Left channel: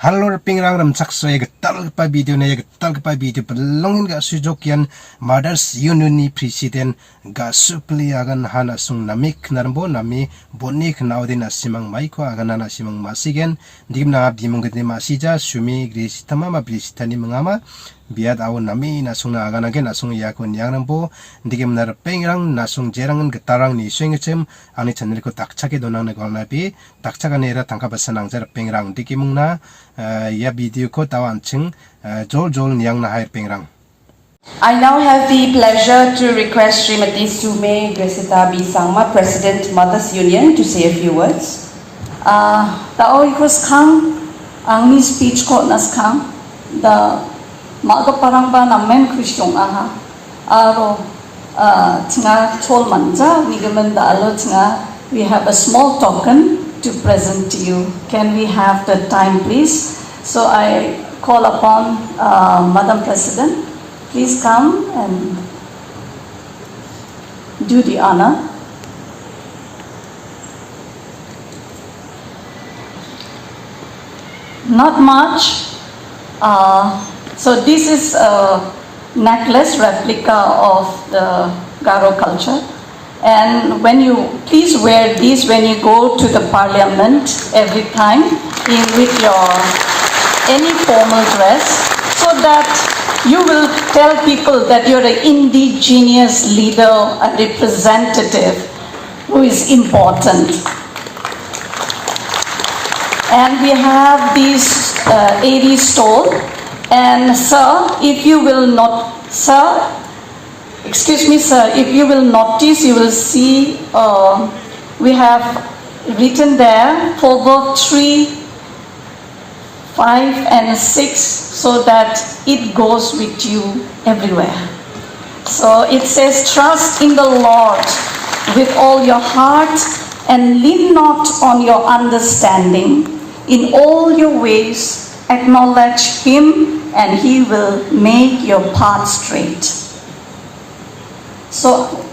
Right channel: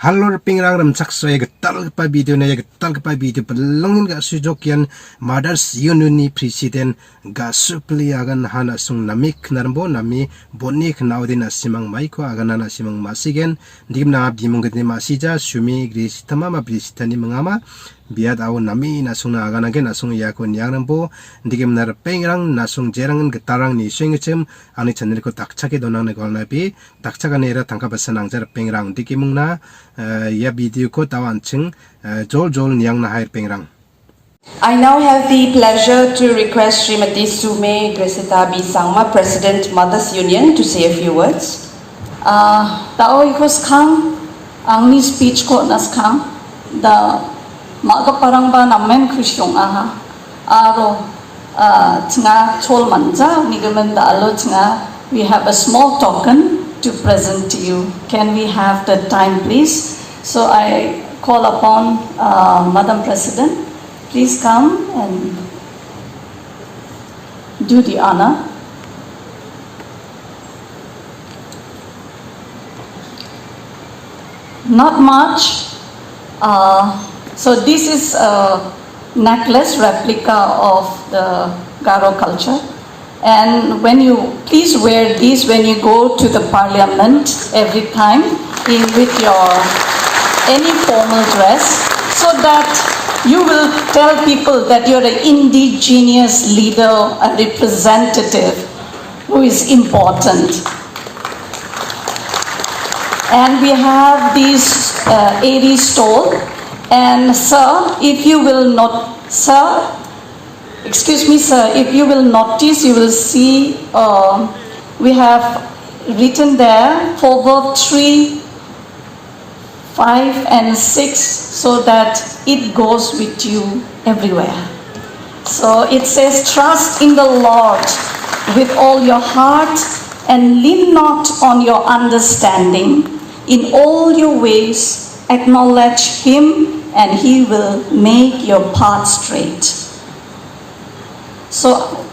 Halor pingrang ram sakso ya getal pa video na ya getal pa video pelongin ga sujokian Mothers Unionni President Gasubee Aganaha nasung namik narbo nami bonik naudin asimang maiko Aganaha nasimang masigen digim na bimung gede masija sumi grisitama ma brisitani mengama biat awu nami nasung na Aganaha nasung yakun yang nambo digim nar pingrang nasung jerangan getarang ni swingcem ani channel ko takchake donang ne golnabi takchakane era tangkabasan angjar pingrang digimung na ya video ko tawanching jol niang na hair pingrang. I now have the pleasure to request Srimati Sume Gresita Bisangma, President Mothers Union, to say a few words. Tao ikos kang ang ni speech ko nas kang da maga parang ba namen kusyong aha aro tinga chol manja ni gaman da alo tinga we have a small token to present to you. Can we have the time, please? So I call upon Madam President, please come and do the honor. Not much. So this is a necklace replica of the Garo culture. And when you, please wear these when you go to the parliament every time with your any formal dress, so that you will tell people that you're an indigenous leader, a representative who is important. And we have these 80 stole, and sir, if you will not, sir, excuse me, sir, if you will notice, you will see we have written there forward 3, 5 and 6, so that it goes with you everywhere. So it says, trust in the Lord with all your heart and lean not on your understanding. In all your ways acknowledge Him and He will make your path straight. So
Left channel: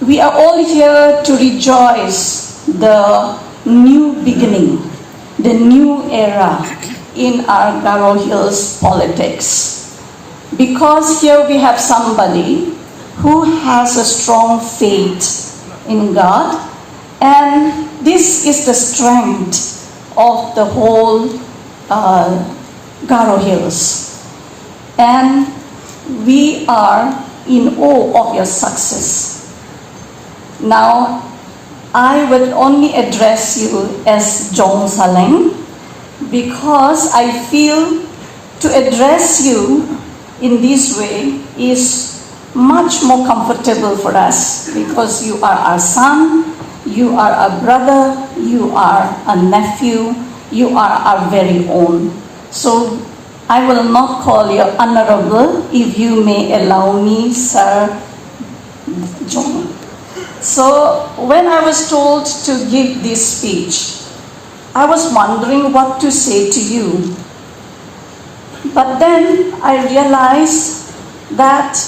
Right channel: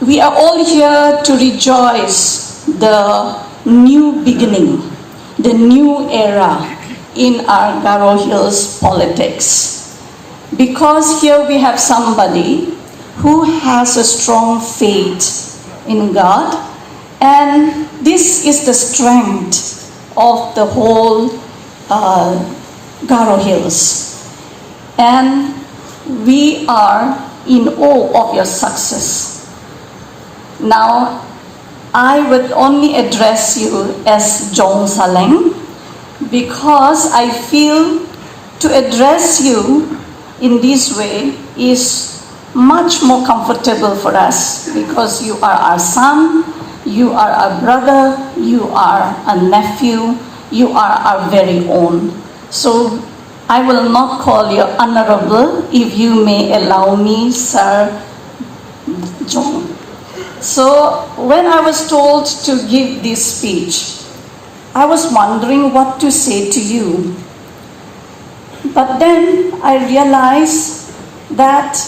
we are all here to rejoice the new beginning, the new era in our Garo Hills politics. Because here we have somebody who has a strong faith in God, and this is the strength of the whole Garo Hills. And we are in awe of your success. Now, I will only address you as Jong Saleng, because I feel to address you in this way is much more comfortable for us, because you are our son, you are our brother, you are a nephew, you are our very own. So I will not call you honorable, if you may allow me, Sir John. So when I was told to give this speech, I was wondering what to say to you. But then I realized that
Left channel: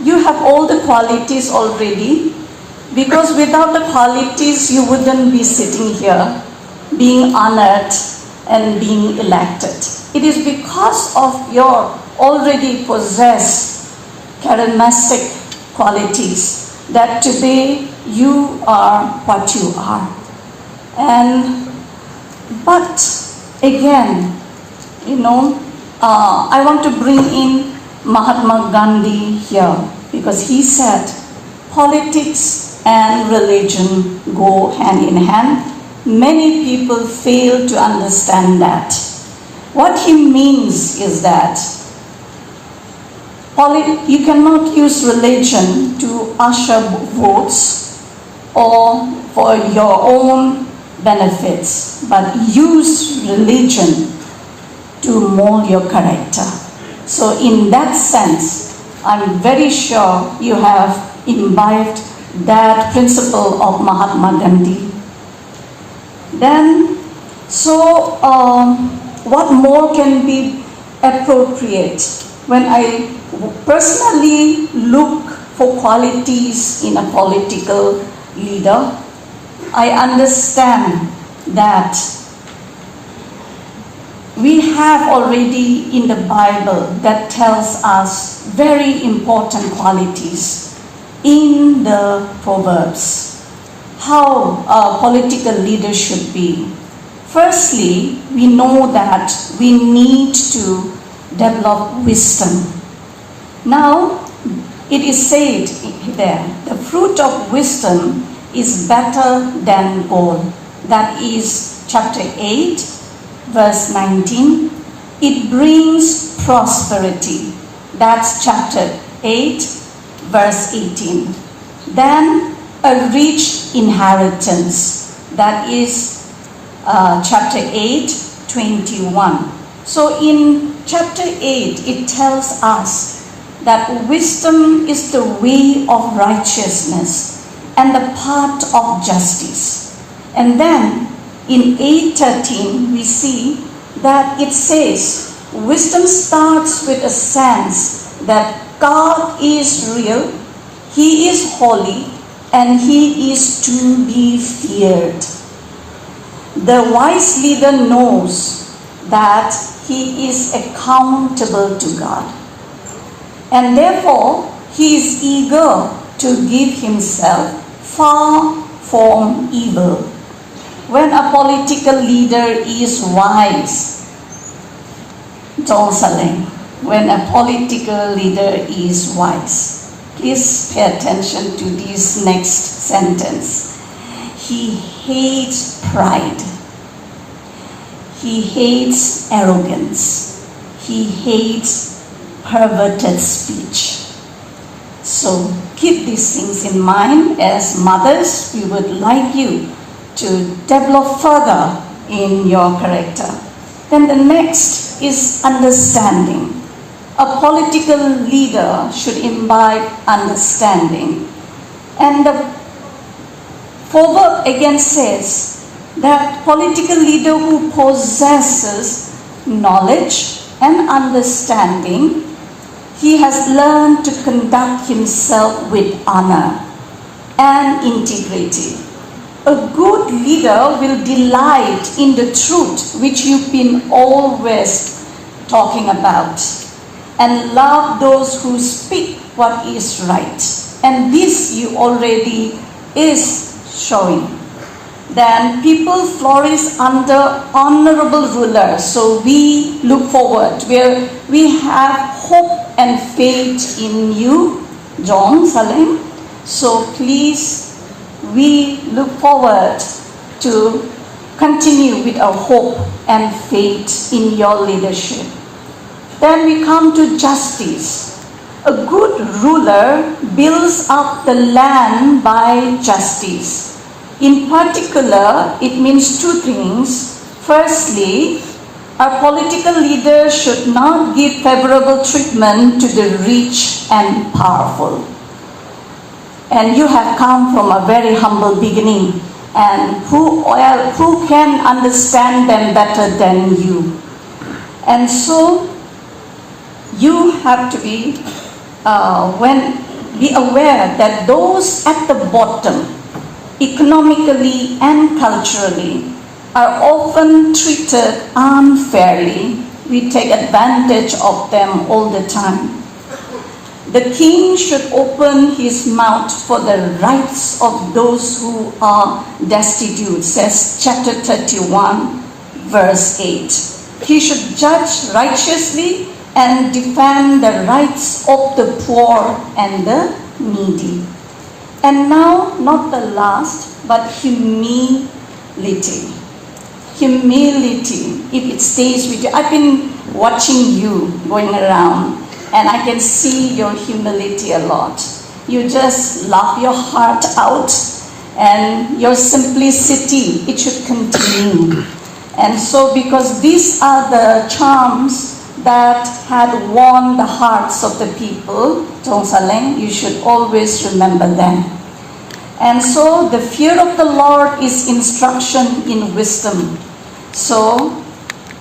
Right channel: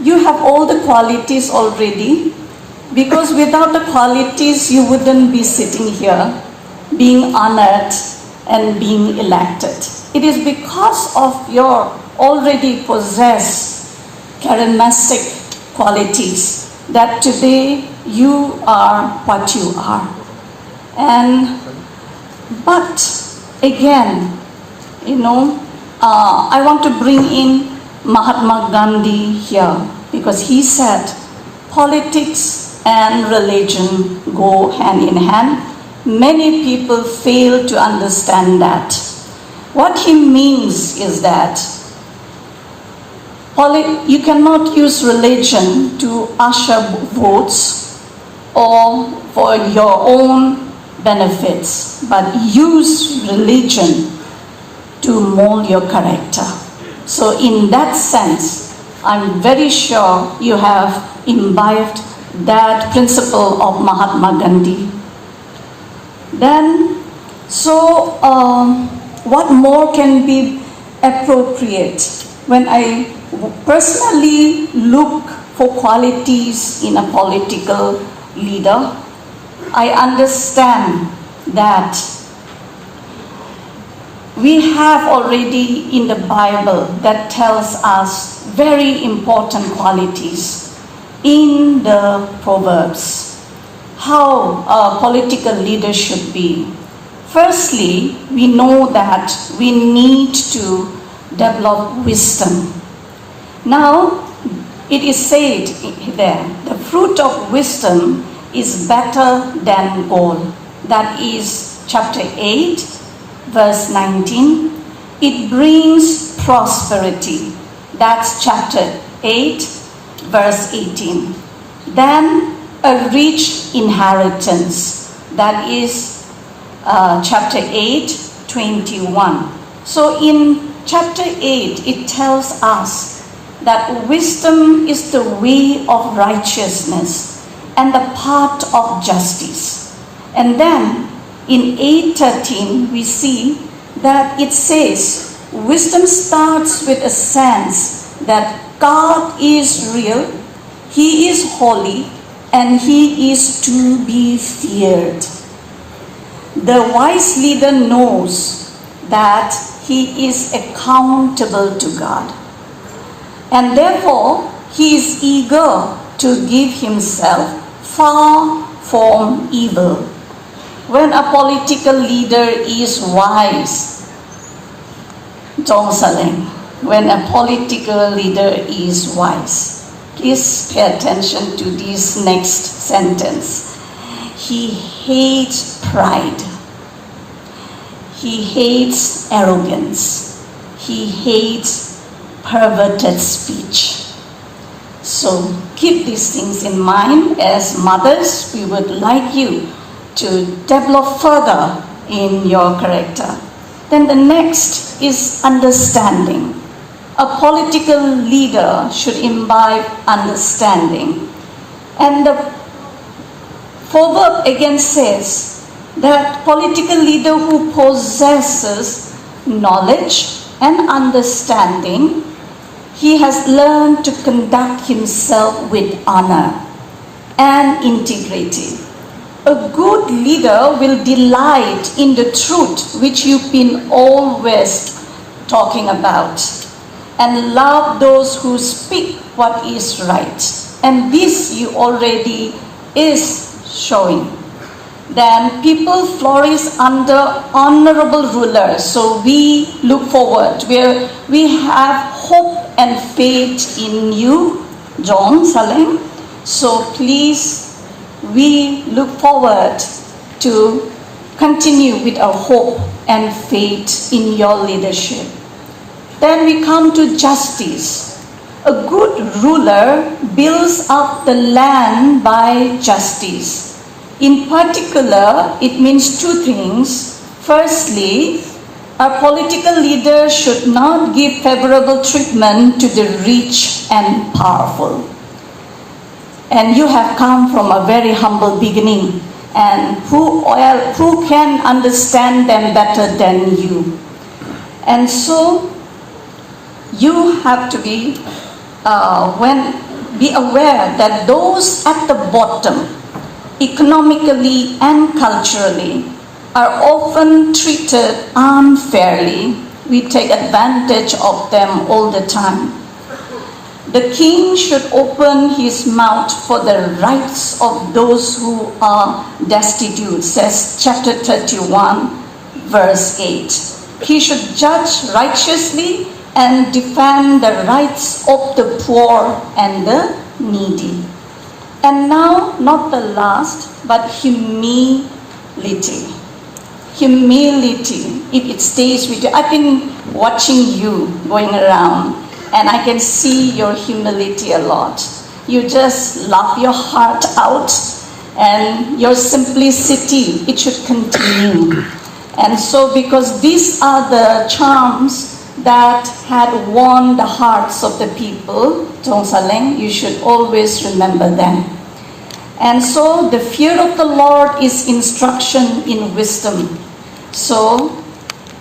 you have all the qualities already, because without the qualities you wouldn't be sitting here, being honored and being elected. It is because of your already possessed charismatic qualities that today you are what you are. But again, I want to bring in Mahatma Gandhi here, because he said politics and religion go hand in hand. Many people fail to understand that. What he means is that you cannot use religion to usher votes or for your own benefits, but use religion to mold your character. So in that sense, I'm very sure you have imbibed that principle of Mahatma Gandhi. Then, so what more can be appropriate? When I personally look for qualities in a political leader, I understand that We have already in the Bible that tells us very important qualities in the Proverbs, how a political leader should be. Firstly, we know that we need to develop wisdom. Now, it is said there, the fruit of wisdom is better than gold. That is chapter 8, verse 19. It brings prosperity. That's chapter 8, verse 18. Then a rich inheritance. That is chapter 8, 21. So in chapter 8, it tells us that wisdom is the way of righteousness and the path of justice. And then in 8:13 we see that it says wisdom starts with a sense that God is real, He is holy, and He is to be feared. The wise leader knows that he is accountable to God. And therefore, he is eager to give himself far from evil. When a political leader is wise, when a political leader is wise, please pay attention to this next sentence. He hates pride. He hates arrogance. He hates perverted speech. So keep these things in mind. As mothers, we would like you to develop further in your character. Then the next is understanding. A political leader should imbibe understanding. And the proverb again says that political leader who possesses knowledge and understanding, he has learned to conduct himself with honor and integrity. A good leader will delight in the truth which you've been always talking about, and love those who speak what is right. And this you already is showing. Then people flourish under honorable rulers. So we look forward, where we have hope and faith in you, John Saleng. So please, we look forward to continue with our hope and faith in your leadership. Then we come to justice. A good ruler builds up the land by justice. In particular, it means two things. Firstly, a political leader should not give favorable treatment to the rich and powerful. And you have come from a very humble beginning, and who can understand them better than you? And so you have to be aware that those at the bottom, economically and culturally, are often treated unfairly. We take advantage of them all the time. The king should open his mouth for the rights of those who are destitute, says chapter 31, verse 8. He should judge righteously and defend the rights of the poor and the needy. And now, not the last, but humility. Humility, if it stays with you. I've been watching you going around, and I can see your humility a lot. You just laugh your heart out, and your simplicity, it should continue. And so, because these are the charms that had won the hearts of the people, Tong Saleng, you should always remember them. And so the fear of the Lord is instruction in wisdom. So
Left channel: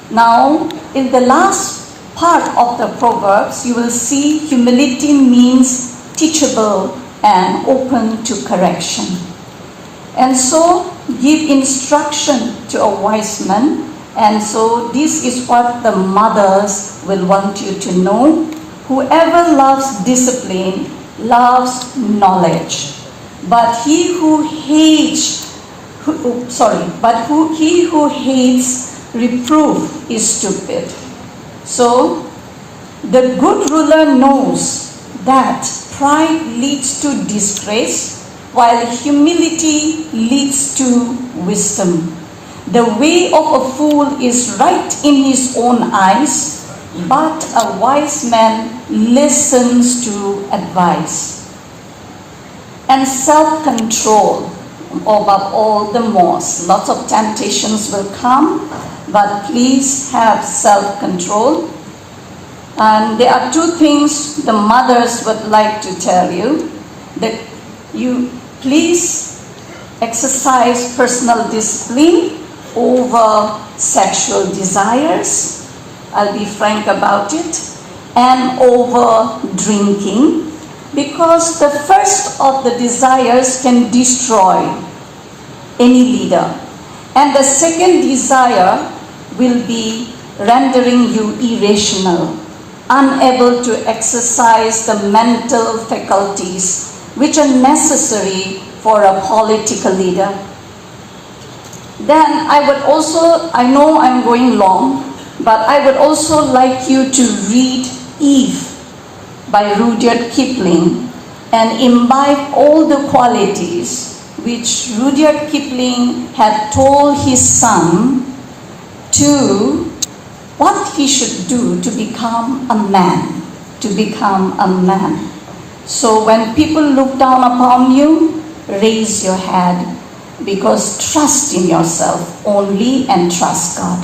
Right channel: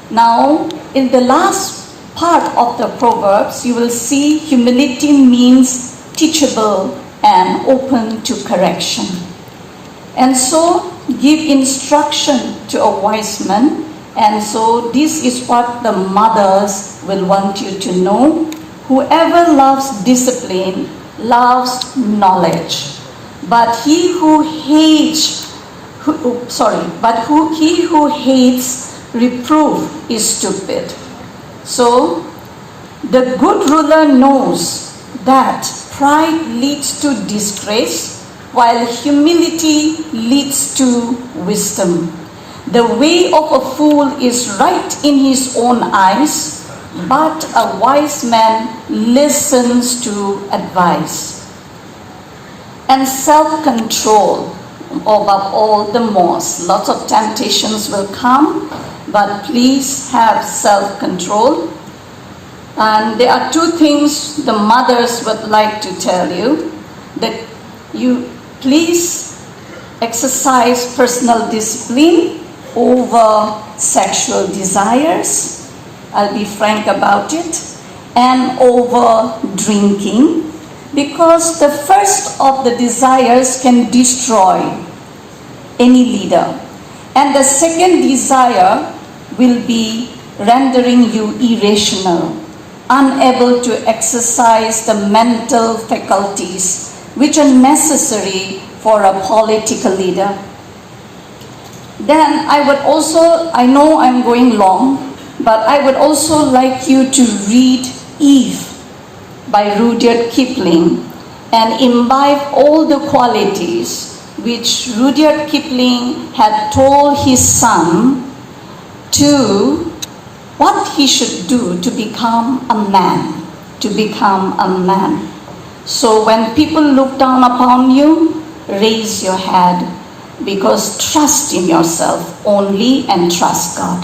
now in the last part of the Proverbs, you will see humility means teachable and open to correction. And so give instruction to a wise man And so this is what the mothers will want you to know. Whoever loves discipline loves knowledge. But he who hates reproof is stupid. So the good ruler knows that pride leads to disgrace, while humility leads to wisdom. The way of a fool is right in his own eyes, but a wise man listens to advice. And self-control, above all the most. Lots of temptations will come, but please have self-control. And there are two things the mothers would like to tell you. That you please exercise personal discipline over sexual desires. I'll be frank about it. And over drinking. Because the first of the desires can destroy any leader. And the second desire will be rendering you irrational, unable to exercise the mental faculties which are necessary for a political leader. Then I know I'm going long, but I would also like you to read Eve by Rudyard Kipling and imbibe all the qualities which Rudyard Kipling had told his son to what he should do to become a man, So when people look down upon you, raise your head, because trust in yourself only and trust God.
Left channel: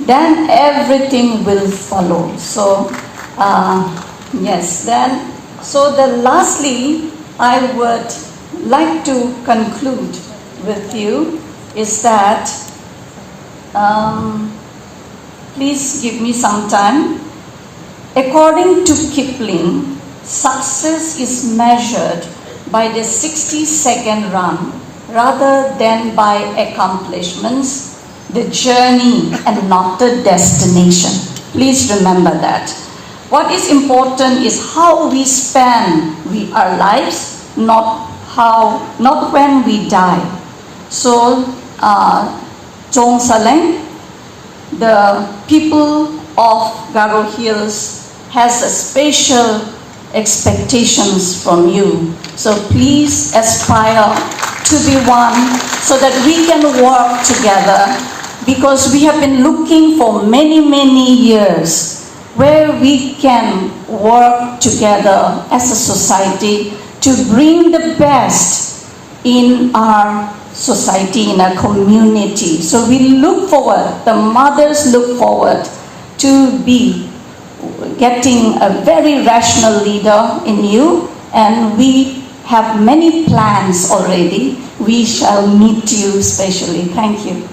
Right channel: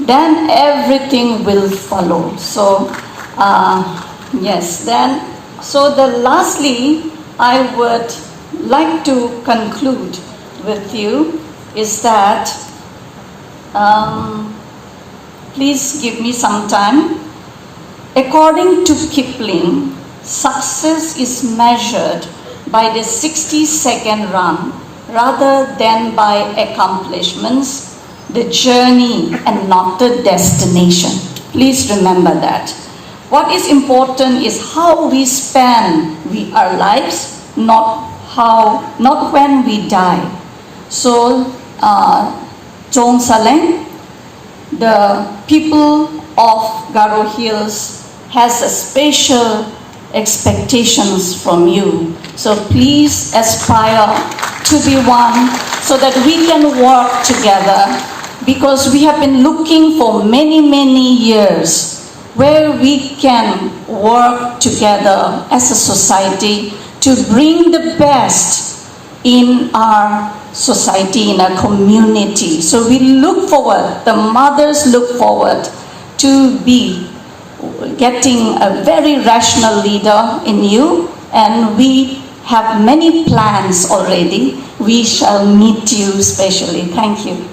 Then everything will follow. So, lastly, I would like to conclude with you is that, please give me some time. According to Kipling, success is measured by the 60-second run rather than by accomplishments, the journey and not the destination. Please remember that. What is important is how we spend our lives, not when we die. So, Chong Saleng, the people of Garo Hills has a special expectations from you. So please aspire to be one so that we can work together, because we have been looking for many, many years where we can work together as a society to bring the best in our society, in our community. So we look forward, the mothers look forward to be getting a very rational leader in you, and we have many plans already. We shall meet you specially. Thank you.